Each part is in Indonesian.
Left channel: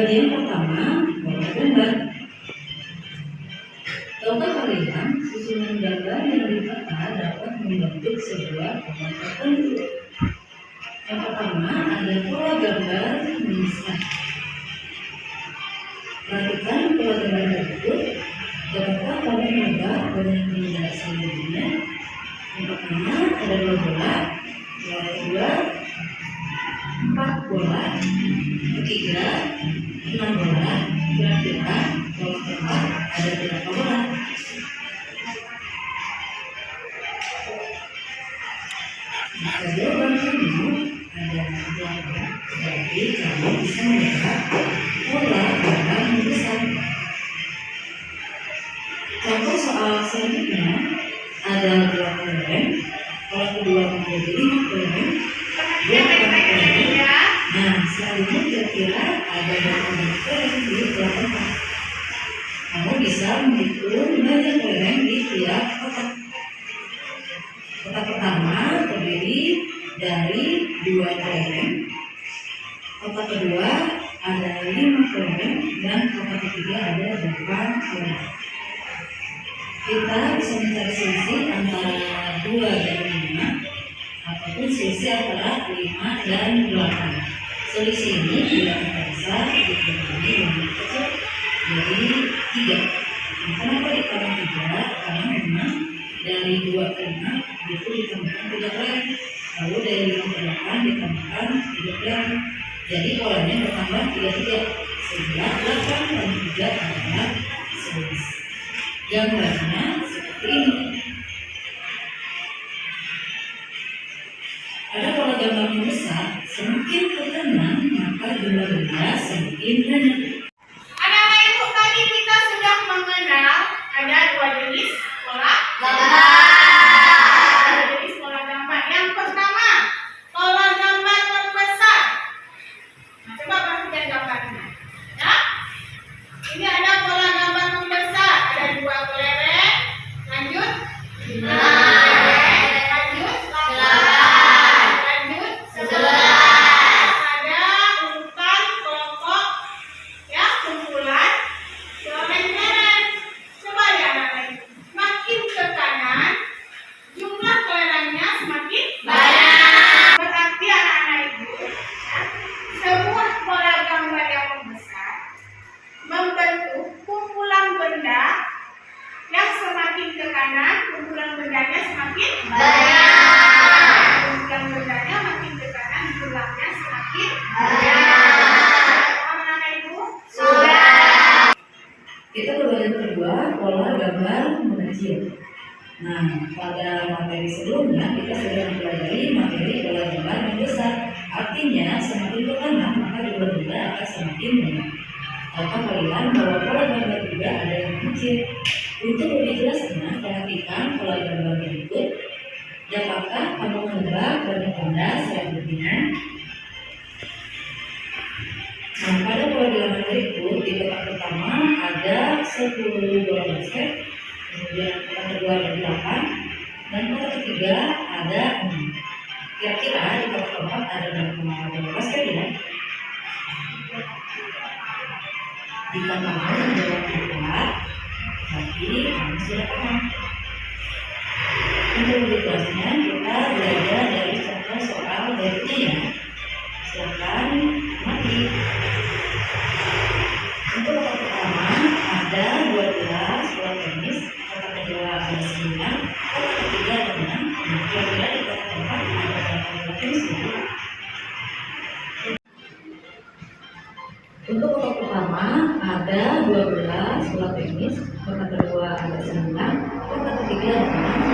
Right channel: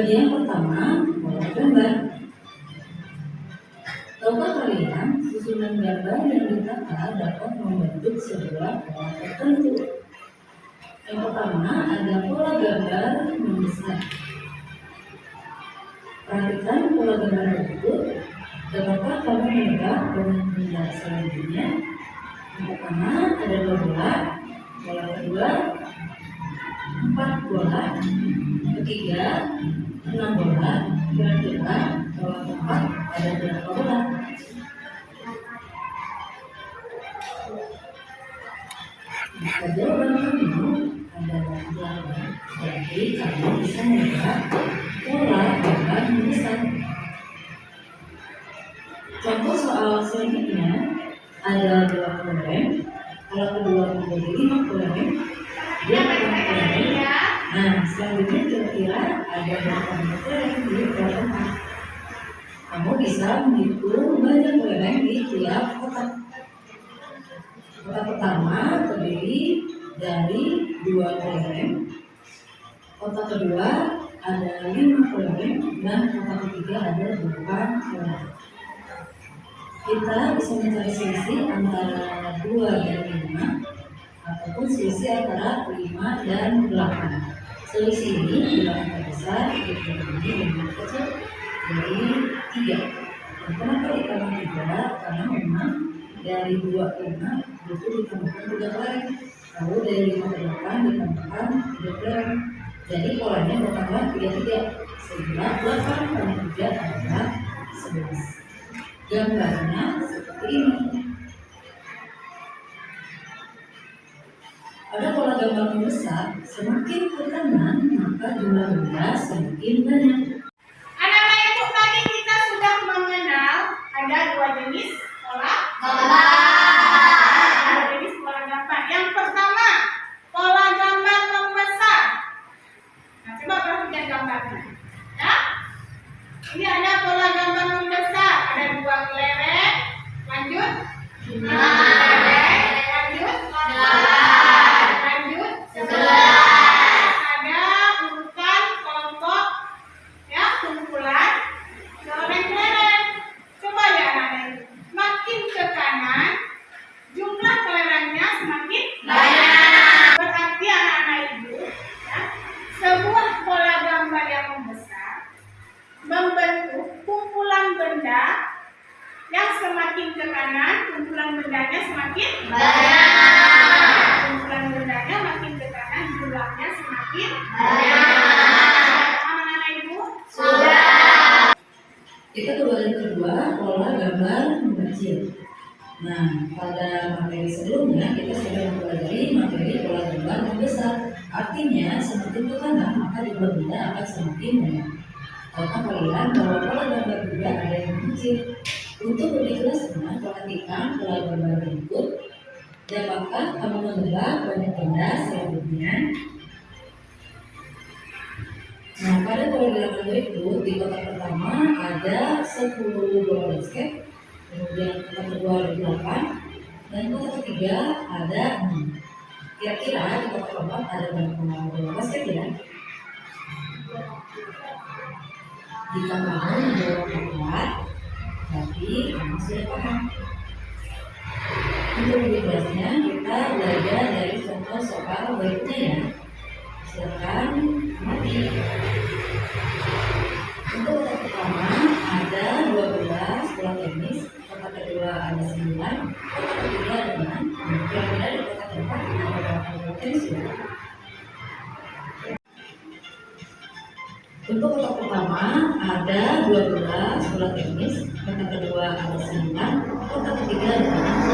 Bagian pertama, pola gambar. Tahukah kalian, susunan gambar yang ditata dapat membentuk sebuah pola tertentu. Yang pertama ada pola gambar membesar. Perhatikan pola gambar berikut. Dapatkah kamu menebak banyak benda selanjutnya? Yang pertama ada 2 bola, pola kedua 4 bola, ketiga 6 bola. Kira-kira pola keempat ada berapa bola? Jika jawaban kamu ada 8, berarti kamu bisa menebak pola gambar membesar. Contoh soal selanjutnya ada 2 kelereng, pola kedua menjadi 5 kelereng, 2 kelereng. Nah, selanjutnya kira-kira ada berapa kelereng di pola keempat? Kamu bisa menghitung banyak kelereng di tiap kotak. Kotak pertama terdiri dari 2 kelereng, kotak kedua ada 5 kelereng, dan kotak ketiga ada 8 kelereng. Kita bisa mencari selisih antara 2 dan 5 ataupun selisih antara 5 dan 8. Selisih ini bila angka besar dikurangi dengan kecil dari 3. Kenapa dikurangi 3? Karena memang dari 2 ke 5 itu ditambahkan 3 kelereng, lalu dari 5 ke 8 ditambahkan 3 kelereng. Jadi polanya bertambah 3 sehingga 8 dan 3 adalah 11. Gambarnya seperti ini. Ada pola gambar membesar, semakin ke kanan maka jumlah benda semakin banyak. Anak-anak ibu, tadi kita sudah mengenal ada 2 jenis pola gambar. Ada jenis pola gambar. Yang pertama, pola gambar membesar. Nah, coba perhatikan gambarnya. Ya, ini ada pola gambar membesar. Ada 2 kelereng. Lanjut. 5 kelereng. Lanjut. 8. Lanjut. 11. Ada urutan kelompok, ya, kumpulan kelereng. Coba ya anak-anak itu. Makin ke kanan, jumlah kelerengnya semakin banyak. Berarti anak-anak ibu, ya, sebuah pola gambar yang membesar membentuk kumpulan benda yang semakin ke kanan, kumpulan bendanya semakin banyak. Kumpulan bendanya makin ke kanan, jumlahnya semakin banyak. Anak-anak ibu? Sudah. Kita ke bagian kedua, pola gambar mengecil. Nah, pada materi sebelumnya kita sudah mempelajari materi pola gambar membesar. Artinya semakin ke kanan maka jumlah benda akan semakin banyak. Tahukah kalian bahwa pola gambar juga ada yang mengecil? Untuk lebih jelasnya, perhatikan pola gambar berikut. Dapatkah kamu menebak banyak benda selanjutnya? Nah, pada pola gambar berikut, di kotak pertama ada 10 bola basket, kemudian kotak kedua ada 8, dan kotak ketiga ada 6. Kira-kira di kotak keempat ada berapa bola basket ya? Jika kamu menjawab tepat, berarti kamu sudah paham. Untuk lebih jelasnya, kita belajar dari contoh soal berikutnya ya. Silakan mati. Untuk kotak pertama ada 12 bola tenis, kotak kedua ada 9, kotak ketiga ada 6. Kira-kira di kotak keempat ada berapa bola tenis ya? Untuk kotak pertama ada 12 bola tenis, kotak kedua ada 9, kotak ketiga ada 6.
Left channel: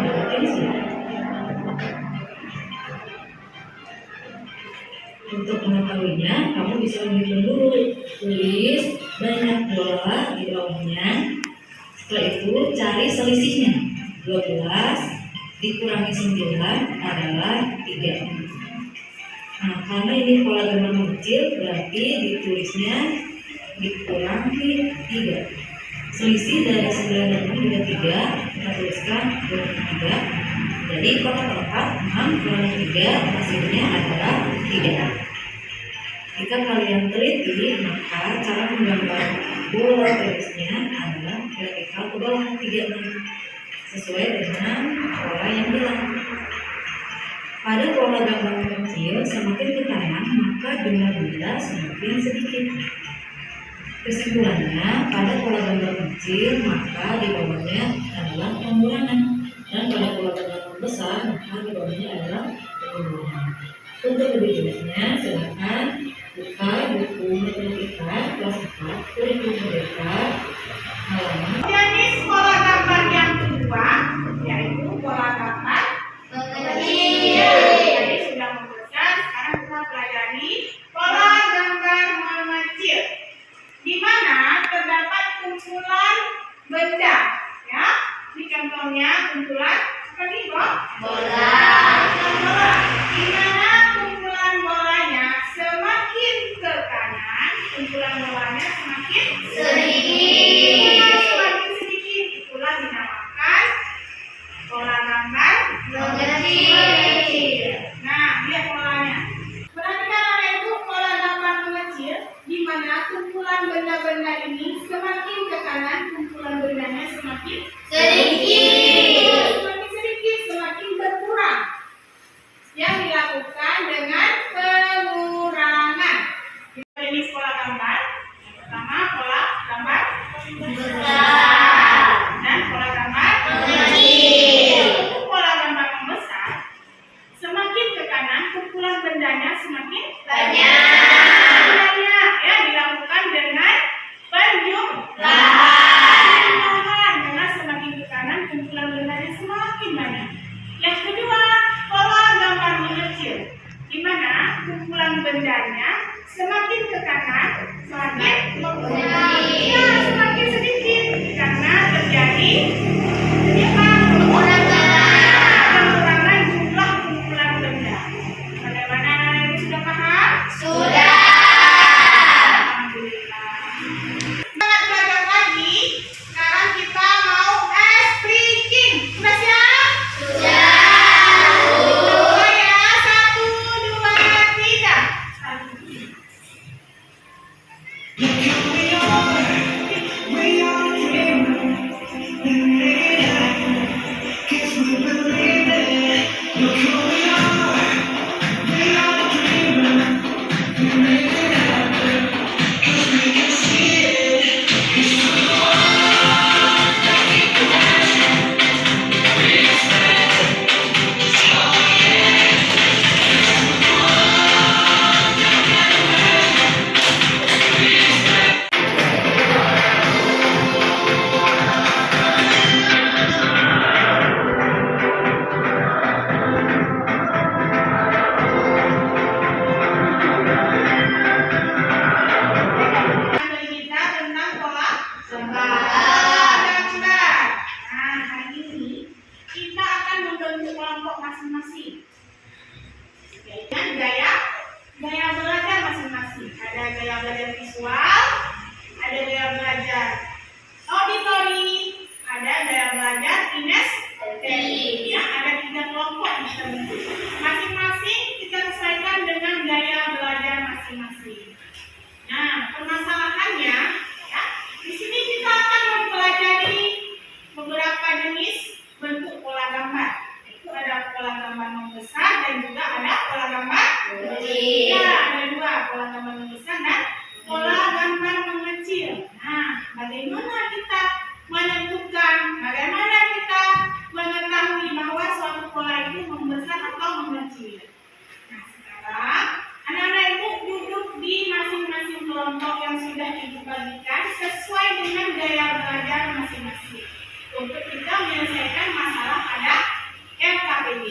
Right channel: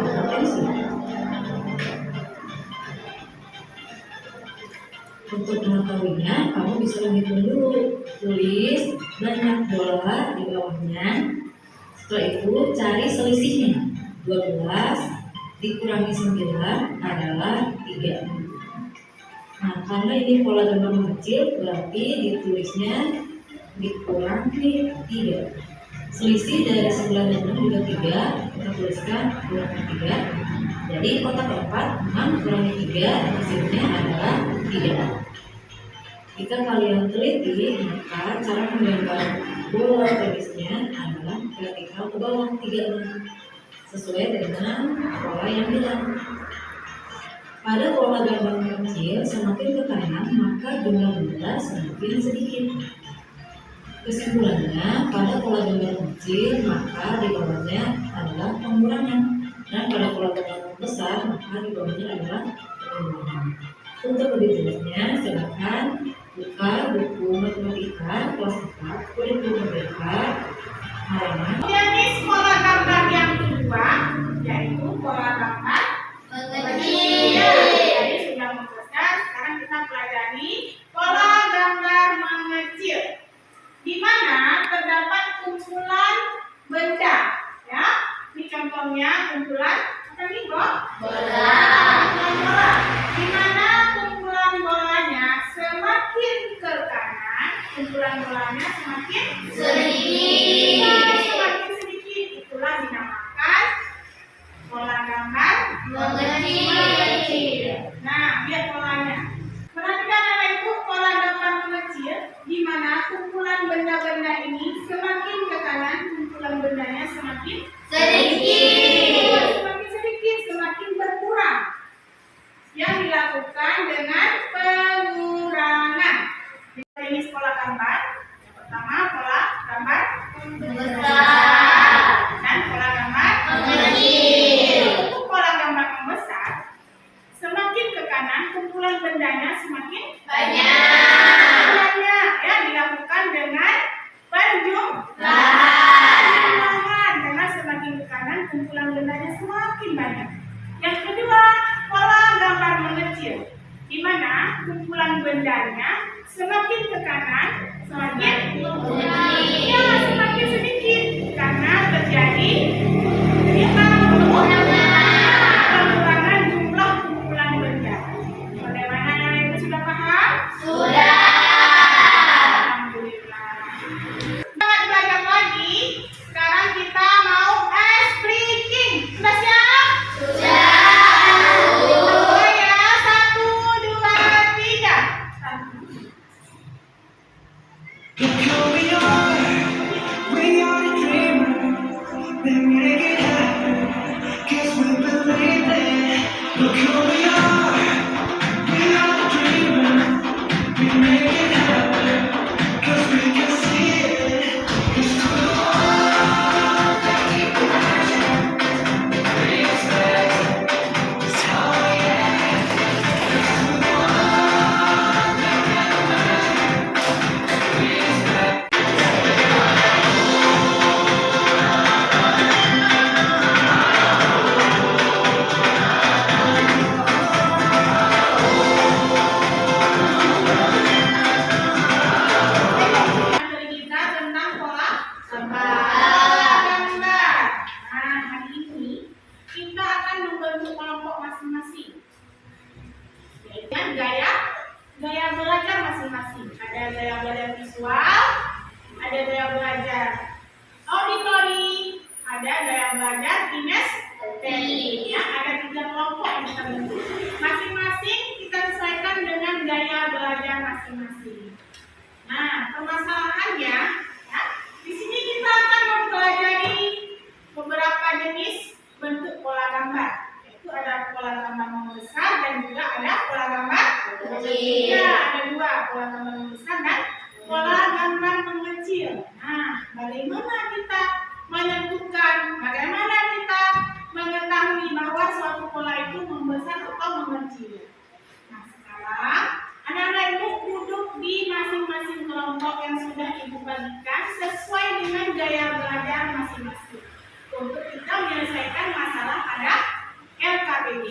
Bola tenis ya. Untuk mengetahuinya, kamu bisa menghitung dulu. Tulis banyak bola di bawahnya. Setelah itu cari selisihnya. 12 dikurangi 9 adalah 3. Nah, karena ini pola gambar mengecil, berarti ditulisnya dikurangi 3. Selisih dari 9 dan 6 juga 3. Kita tuliskan kurangi 3. Jadi kotak keempat 6 kurangi 3 hasilnya adalah 3. Jika kalian teliti, maka cara menggambar bola tenisnya adalah vertikal ke bawah 3 sesuai dengan pola yang bilang. Pada pola gambar kecil semakin ke kanan maka jumlah benda semakin sedikit. Kesimpulannya, pada pola gambar kecil maka di bawahnya adalah pengurangan, dan pada pola gambar besar maka di bawahnya adalah pengurangan. Untuk lebih jelasnya silakan buka buku matematika kelas 4 kurikulum merdeka halaman. Jenis pola gambar yang kedua yaitu pola gambar mengecil. Jadi sudah membesar, sekarang kita pelajari pola gambar mengecil, di mana terdapat kumpulan benda. Ya, ini contohnya kumpulan apa nih, Bob? Bola. Kumpulan bola. Di mana kumpulan bolanya semakin ke kanan, kumpulan bolanya semakin Sedikit. semakin sedikit. Itulah dinamakan pola gambar Mengecil. Nah, lihat polanya. Perhatikan anak ibu, pola gambar mengecil, di mana kumpulan benda-benda ini semakin ke kanan, kumpulan bendanya semakin Sedikit. semakin sedikit, semakin berkurang. Yang dilakukan dengan pengurangan. Ini pola gambar. Yang pertama pola gambar Besar. dan pola gambar Mengecil. Untuk pola gambar membesar, semakin ke kanan kumpulan bendanya semakin Banyak. ya, dilakukan dengan Lahan. penjumlahan, karena semakin ke kanan kumpulan bendanya semakin banyak. Yang kedua, pola gambar mengecil, di mana kumpulan bendanya semakin ke kanan semakin semakin sedikit karena terjadi pengurangan jumlah kumpulan benda. Bagaimana anak ibu sudah paham? Sudah. Alhamdulillah. Semangat belajar lagi. Sekarang kita mau expliking. Sudah siap? Sudah. Oh ya, 1, 2, 3. Look who we are the dreamers, we made it happen, 'cause we believe it. Look who we are the dreamers, we made it happen, 'cause we can see it. It's true. Materi kita tentang pola gambar. Nah, hari ini kita akan membentuk kelompok masing-masing. Yaitu gaya belajar masing-masing. Ada gaya belajar visual, ada gaya belajar auditori, ada gaya belajar kinestetik. Ya, ada 3 kelompok yang kita bentuk. Masing-masing kita sesuaikan dengan gaya belajar masing-masing. Nah, permasalahannya, ya, di sini kita akan mempelajari beberapa jenis bentuk pola gambar. Yaitu ada pola gambar membesar dan juga ada pola gambar Mengecil. Ya, ada 2, pola gambar membesar dan pola gambar mengecil. Nah, bagaimana kita menentukan, bagaimana kita mengetahui bahwa suatu pola itu membesar atau mengecil? Nah, sekarang anak-anak ibu duduk di masing-masing kelompok yang sudah ibu bagikan sesuai dengan gaya belajar masing-masing untuk kita menyelesaikan masalah pada LKPD.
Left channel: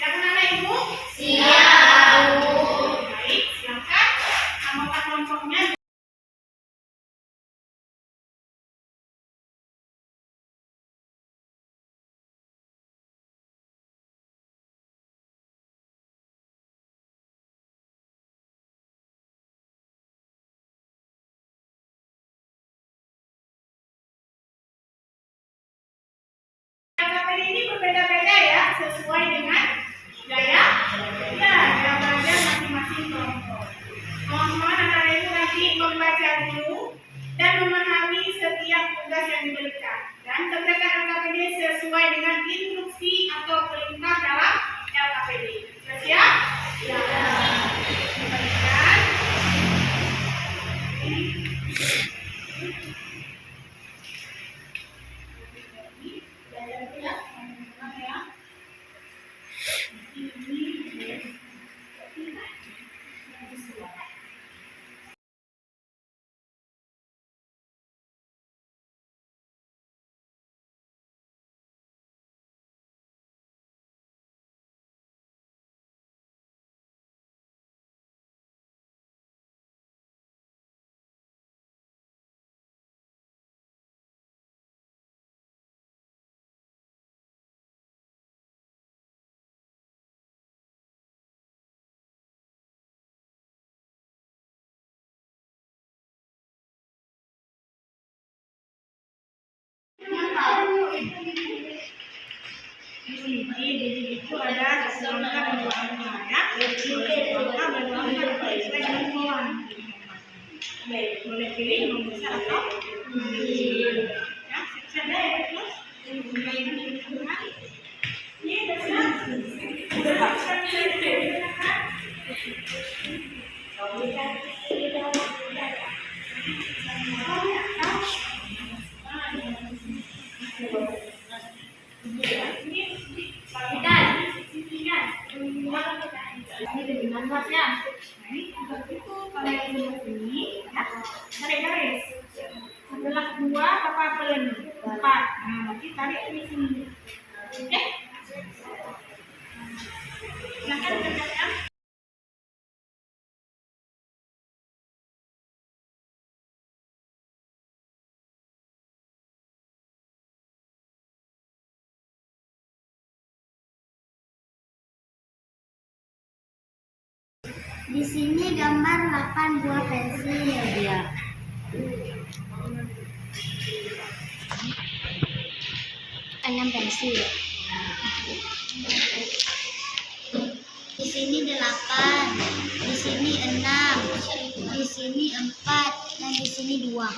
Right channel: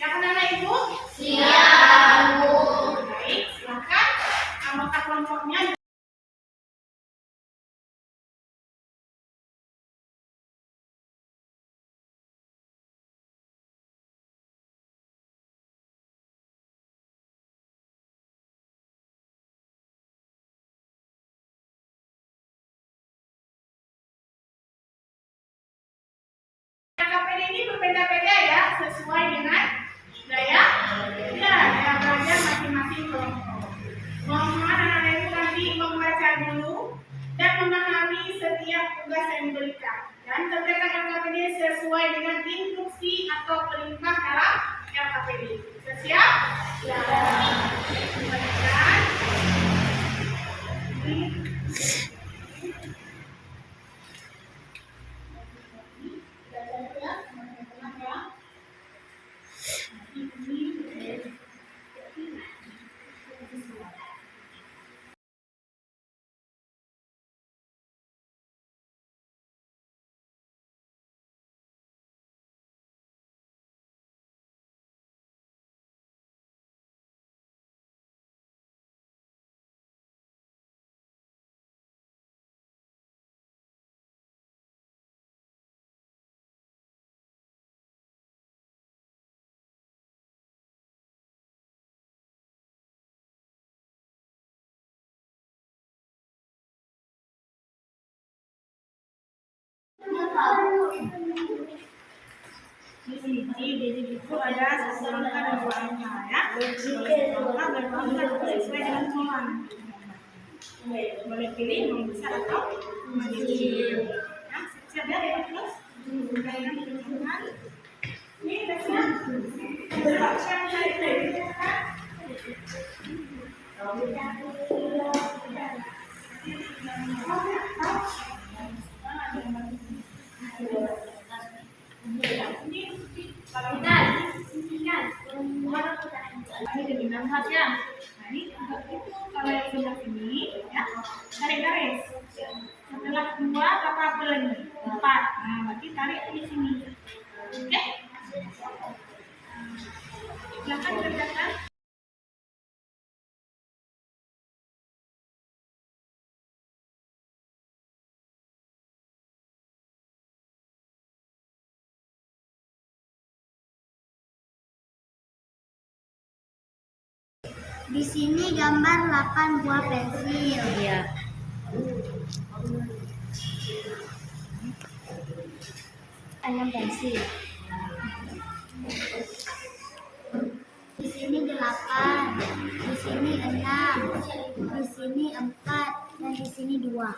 Siap anak-anak ibu? Siap, Bu. Baik, silakan anggota kelompoknya. LKPD ini berbeda-beda ya, sesuai dengan gaya belajar masing-masing kelompok. Mohon anak-anak ibu nanti membaca dulu dan memahami setiap tugas yang diberikan dan kerjakan LKPD sesuai dengan instruksi atau perintah dalam LKPD. Sudah siap? Ya. Bagikan. Belajar dulu ya, teman-teman ya. Jadi itu ada satu angka dan dua angka ya. Boleh satu angka dan dua angka sesuai dengan kemauan. Boleh pilih yang besar atau kecil. Ya, siap ya, Pak Terus. Kembalikan pilihan. Ini sudah siap. Sudah siap silakan. Nah, ini untuk itu kalau yang sebelah sini ya garis-garis. Setelah 2 apa peleng 4. Nah, berarti tarik di sini. Oke? Silakan kerjakan. Di sini gambar 8 buah pensil. Ya. Enam pensil. Di sini 8, di sini 6, di sini 4, dan di sini 2.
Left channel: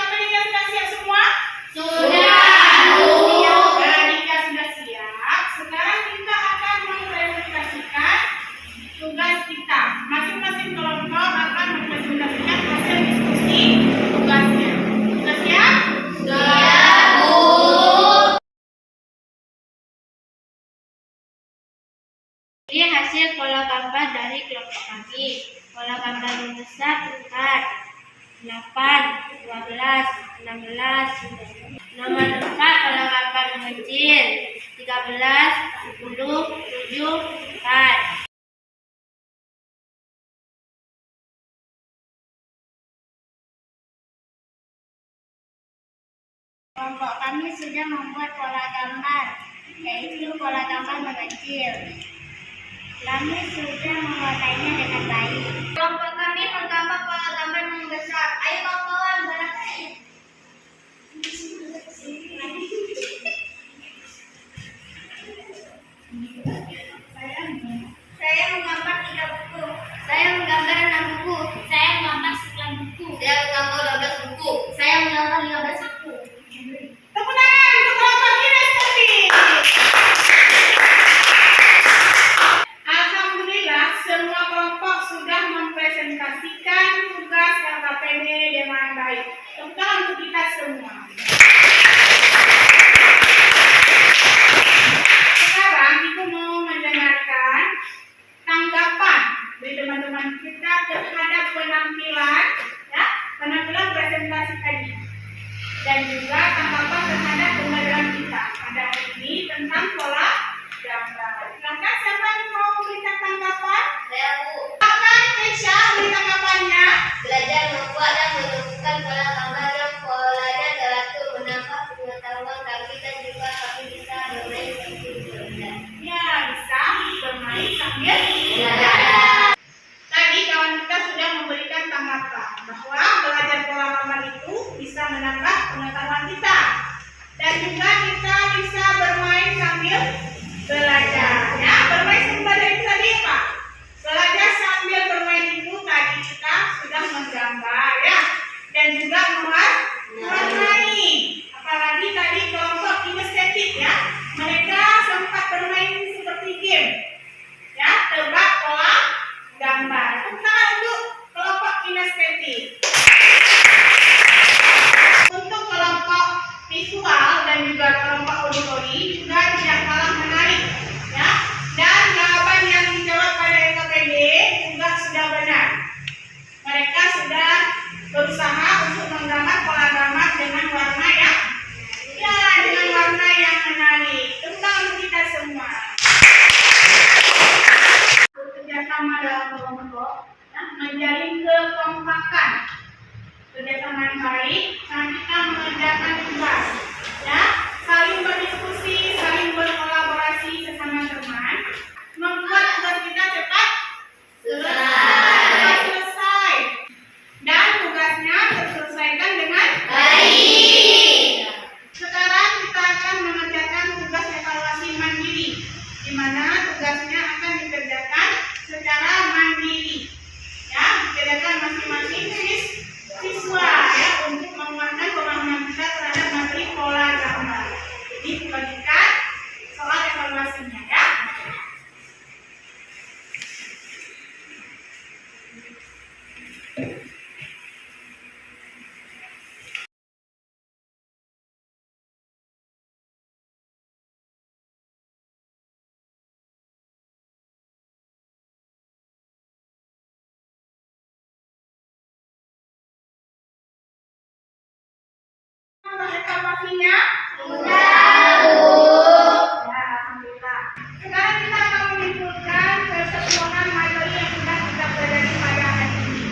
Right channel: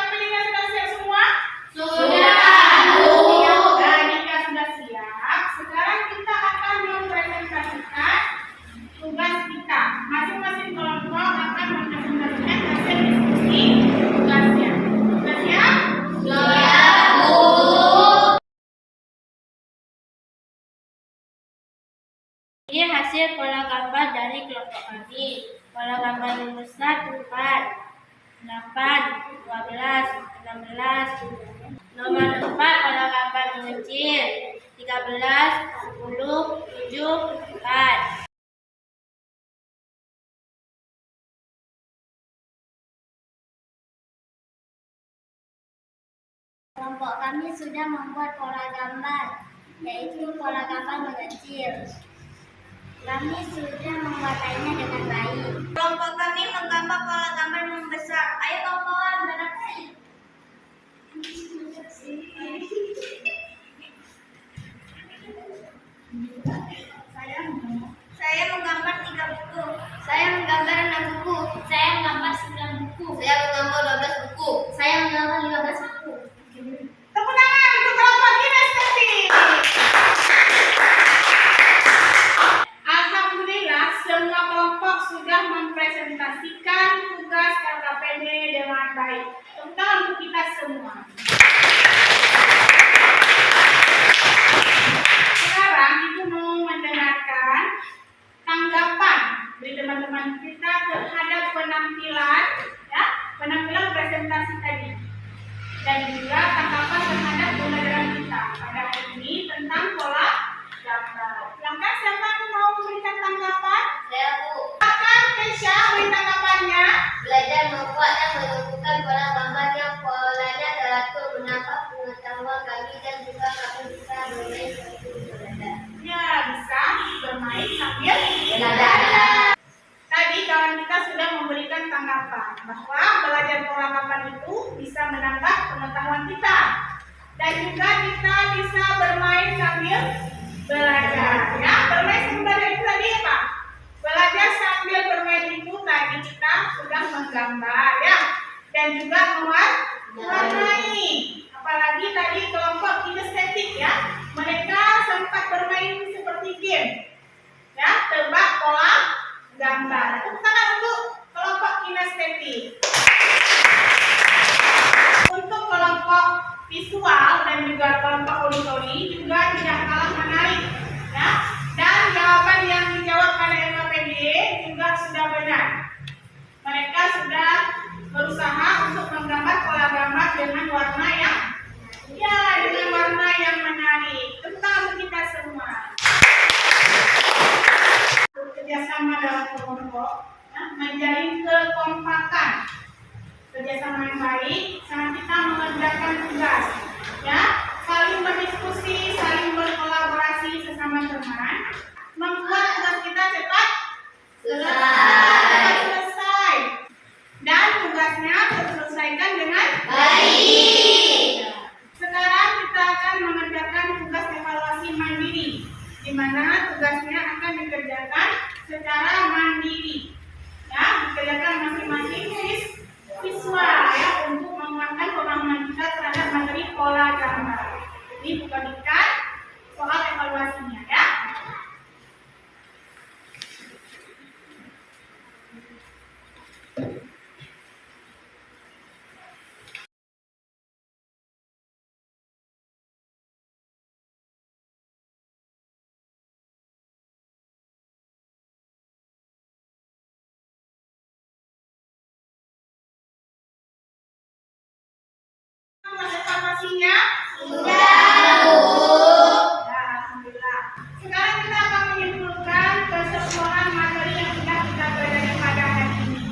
Apakah sudah siap semua? Sudah. Nah, jika sudah siap, sekarang kita akan mempresentasikan tugas kita. Masing-masing kelompok akan mempresentasikan hasil diskusi tugasnya. Sudah siap? Siap, Bu. Ini hasil pola gambar dari kelompok kami. Pola gambar membesar 4, 8, 12, 16. Nomor 4 pola gambar mengecil 13, 10, 7, 4. Kelompok kami sudah membuat pola gambar, yaitu pola gambar mengecil. Kami sudah mewarnainya dengan baik. Kelompok kami menggambar pola gambar membesar. Ayo kawan-kawan, beraksi. Saya menggambar 3 buku. Saya menggambar 6 buku. Saya menggambar 9 buku. Saya menggambar 12 buku. Saya menggambar 15 buku. Tepuk tangan untuk kelompok kinestesi. Alhamdulillah, semua kelompok sudah mempresentasikan tugas LKPD dengan baik. Tepuk tangan untuk kita semua. Sekarang Ibu mau mendengarkan tanggapan dari teman-teman kita terhadap penampilan, ya, penampilan presentasi tadi, dan juga tanggapan terhadap pembelajaran kita pada hari ini tentang pola gambar. Silakan siapa yang mau memberikan tanggapan? Saya, Bu. Silakan Ya, menjalin kekompakan, kerjasama yang baik saat kita mengerjakan tugas. Ya, saling berdiskusi, saling berkolaborasi sesama teman, membuat tugas kita cepat selesai. Dan tugasnya terselesaikan dengan baik. Sekarang kita akan mengerjakan tugas evaluasi mandiri, di mana tugasnya akan dikerjakan secara mandiri. Ya, dikerjakan masing-masing siswa ya untuk menguatkan pemahaman kita terhadap materi pola gambar. Jadi bagikan soal evaluasinya ya. Evaluasinya sudah, ya, alhamdulillah. Sekarang kita akan menyimpulkan keseluruhan materi yang sudah kita pelajari pada hari ini.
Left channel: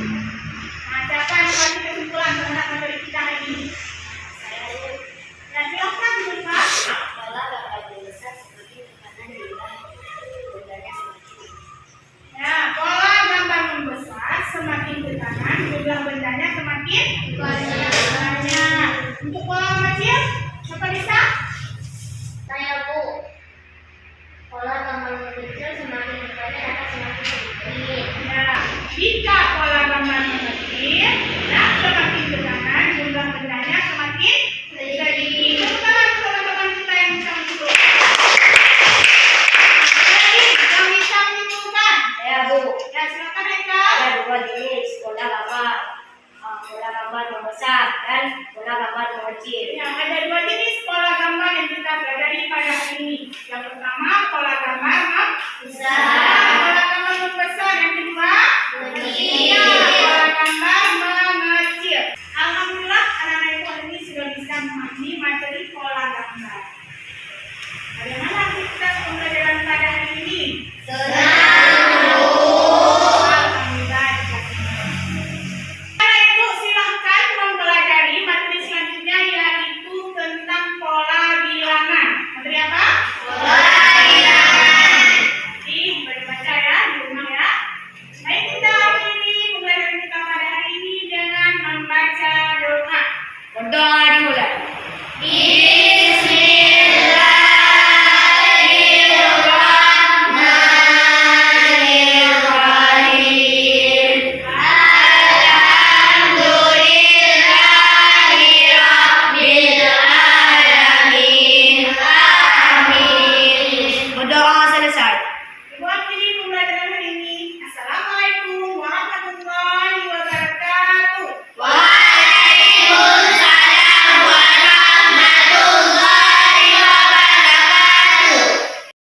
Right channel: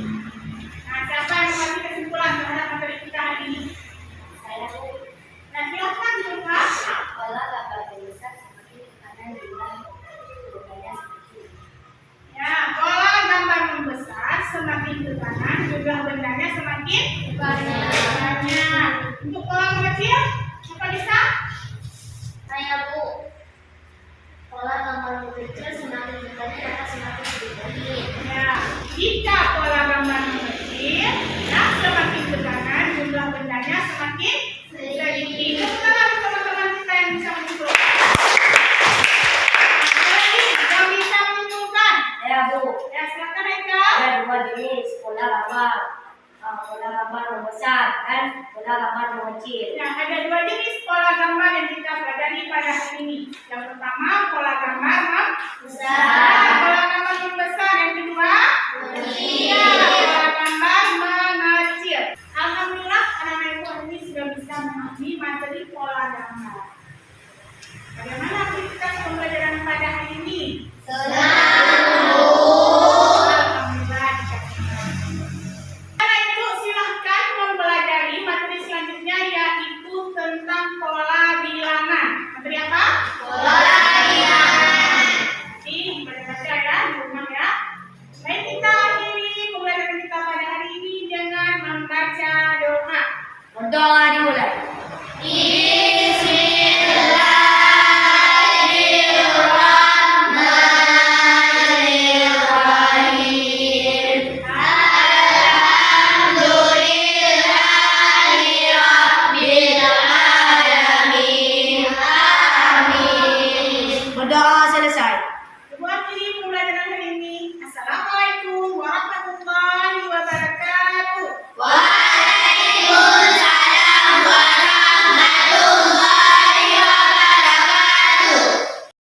Nah, siapa yang kasih kesimpulan terhadap materi kita hari ini? Saya. Nah, silakan Zulfa. Pola gambar besar semakin ke kanan jumlah bendanya semakin. Ya, pola gambar membesar semakin ke kanan, jumlah bendanya semakin banyak. Untuk pola mengecil, siapa bisa? Saya Bu. Pola gambar mengecil semakin ke kanan akan semakin sedikit. Ya, jika pola gambar mengecil, nah semakin ke kanan, jumlah bendanya semakin sedikit. Tepuk tangan untuk teman-teman kita yang bisa menyimpulkan. Jadi, yang bisa menyimpulkan. Saya Bu. Ya, silakan Eka. Ada dua jenis pola gambar membesar dan pola gambar mengecil. Ya, ada dua jenis pola gambar yang kita pelajari pada hari ini. Yang pertama, pola gambar membesar. Pola gambar membesar. Yang kedua, ya, pola gambar mengecil. Alhamdulillah, anak-anak ibu hari ini sudah bisa memahami materi pola gambar. Bagaimana aktivitas pembelajaran pada hari ini? Alhamdulillah, dikasih tahu. Anak-anak ibu silahkan mempelajari materi selanjutnya, yaitu tentang pola bilangan. Materi apa? Pola bilangan. Jadi, baca ya di rumah ya. Baik, kita akhiri pembelajaran kita pada hari ini dengan membaca doa. Berdoa di